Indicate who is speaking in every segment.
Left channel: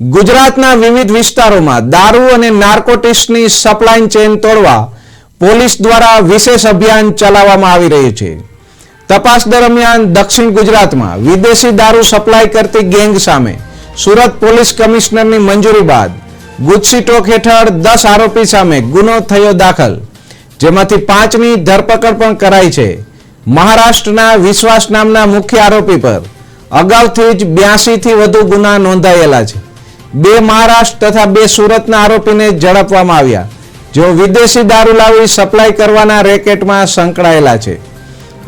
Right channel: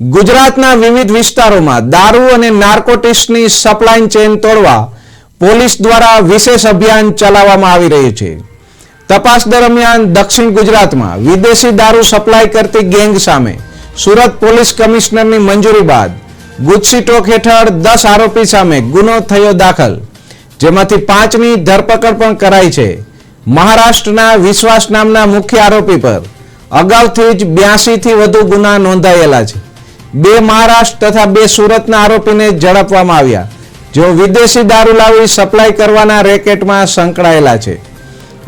Speaker 1: ગુજરાતના વિવિધ વિસ્તારોમાં દારૂ અને નાર્કોટિક્સની સપ્લાય ચેઇન તોડવા પોલીસ દ્વારા વિશેષ અભિયાન ચલાવવામાં આવી રહ્યું છે. તપાસ દરમિયાન દક્ષિણ ગુજરાતમાં વિદેશી દારૂ સપ્લાય કરતી ગેંગ સામે સુરત પોલીસ કમિશનરની મંજૂરી બાદ ગુજસીટોક હેઠળ દસ આરોપી સામે ગુનો થયો દાખલ, જેમાંથી પાંચની ધરપકડ પણ કરાઈ છે. મહારાષ્ટ્રના વિશ્વાસ નામના મુખ્ય આરોપી પર અગાઉથી જ બ્યાસીથી વધુ ગુના નોંધાયેલા છે. બે મહારાષ્ટ્ર તથા બે સુરતના આરોપીને ઝડપવામાં આવ્યા, જેઓ વિદેશી દારૂ લાવી સપ્લાય કરવાના રેકેટમાં સંકળાયેલા છે.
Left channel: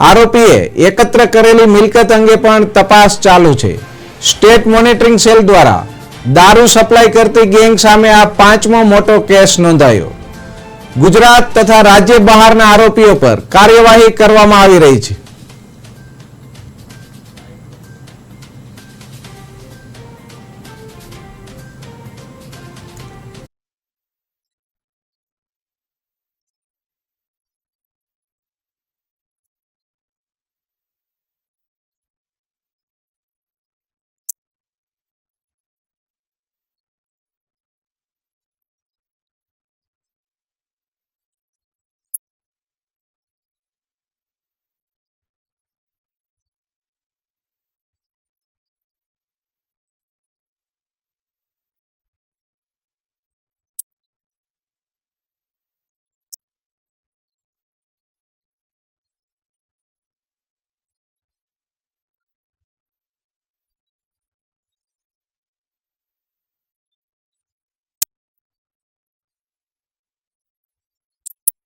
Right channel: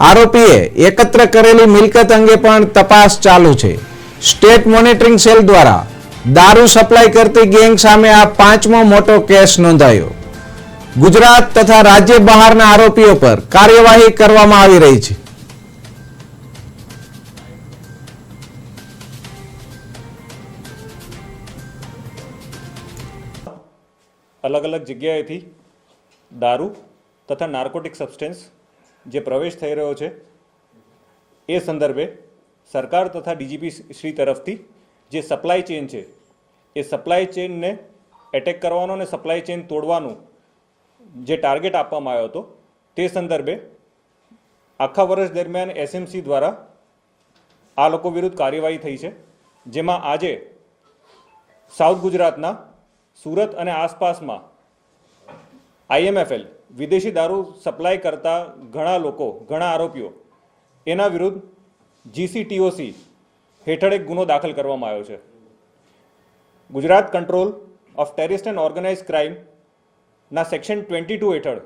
Speaker 1: આરોપીએ એકત્ર કરેલી મિલકત અંગે પણ તપાસ ચાલુ છે. સ્ટેટ મોનિટરિંગ સેલ દ્વારા દારૂ સપ્લાય કરતી ગેંગ સામે આ પાંચમો મોટો કેસ નોંધાયો. ગુજરાત તથા રાજ્ય બહારના આરોપીઓ પર કાર્યવાહી કરવામાં આવી રહી છે.
Speaker 2: અલગ અલગ જગ્યાએથી દારૂ તથા નાર્કોટિક સબસ્ટેન્સ જે પ્રવેશ થઈ રહ્યો છે, એ સંદર્ભે સરકાર તથા ડીજીપી શ્રી તરફથી જે સપ્લાય ચેન છે, એ સપ્લાય ચેનને એટેક કરવાનો અને સપ્લાય ચેન તોડવાનું જે ટાર્ગેટ આપવામાં આવ્યો હતો, તે સંદર્ભે આખા વર્ષ દરમિયાન એસએમસી દ્વારા આ લોકો વિરુદ્ધ કાર્યવાહી થઈ છે, જેમાં આજે સાઉથ ગુજરાતના સુરત અને આસપાસમાં આઈએમએફએલ વિદેશી દારૂ સપ્લાય કરતા ઘણા લોકો, ઘણા આરોપીઓ, એના વિરુદ્ધ જીસીટીઓસી હેઠળ એક ગુનો દાખલ કરવામાં આવ્યો છે. Gujarat control of terrorist and organize ક્રાઇમના section twenty two હેઠળ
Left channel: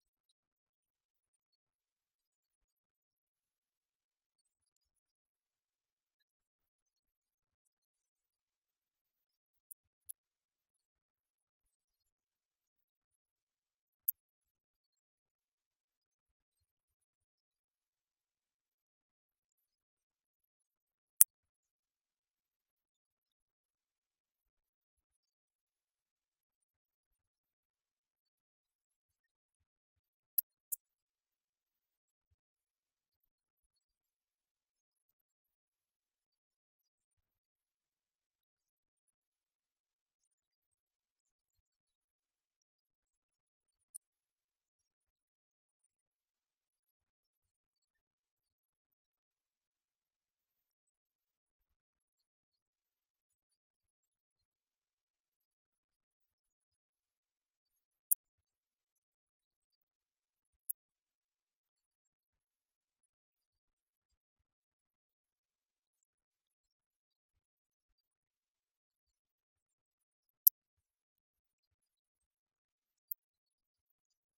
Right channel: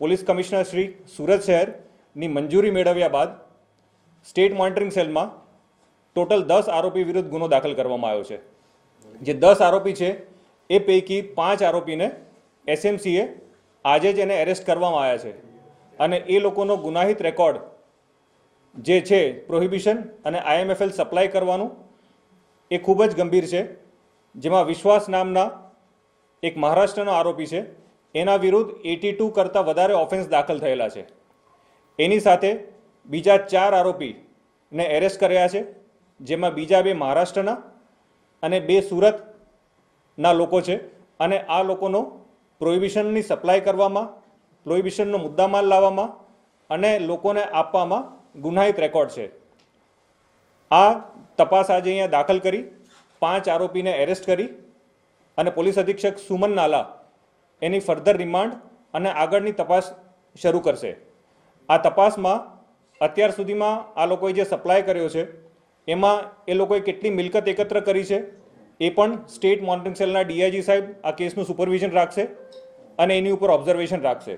Speaker 2: પોલીસ કમિશનર શ્રી સુરત શહેરની મંજૂરી મેળવ્યા બાદ સ્ટેટ મોનિટરિંગ સેલમાં ટોટલ દસ આરોપી વિરુદ્ધ ગુનો દાખલ કરવામાં આવ્યો છે. જે દસ આરોપી છે એ પૈકી પાંચ આરોપીને એસએમસીએ આજે જ એને એરેસ્ટ કરવામાં આવ્યા છે. અને એ લોકોનો ગુનાહિત રેકોર્ડ જે છે પ્રોહિબિશન અને આઈએમએફએલ સપ્લાય કરવાનું એ ખૂબ જ ગંભીર છે. જેમાં વિશ્વાસ નામના એક મહારાષ્ટ્રનો આરોપી છે. એના વિરુદ્ધ એટી ટુ કરતાં વધારે ઓફેન્સ દાખલ થયેલા છે. એની સાથે બીજા ચાર આરોપીને એરેસ્ટ કર્યા છે. જેમાં બીજા બે મહારાષ્ટ્રના અને બે સુરતના લોકો છે. અને આ લોકોનો પ્રોહિબિશનની સપ્લાય કરવામાં પ્રોહિબિશનનો મુદ્દામાલ લાવવામાં અને લોકોને આપવામાં ગુનાહિત રેકોર્ડ છે. આ તપાસ આજે અહીંયા દાખલ કરી, પાંચ આરોપીને એરેસ્ટ કરી અને પોલીસ અધિક્ષક સુમન નાલા એની ફર્ધર રિમાન્ડ અને આગળની તપાસ શરૂ કરશે. આ તપાસમાં અત્યાર સુધીમાં આ લોકોએ જે સપ્લાય કર્યો છે, એમાં એ લોકોએ કેટલી મિલકત એકત્ર કરી છે એ પણ સ્ટેટ મોનિટરિંગ સેલના ડીઆઈજી સાહેબ આ કેસનું સુપરવિઝન રાખશે અને એની ઉપર ઓબ્ઝર્વેશન રાખશે.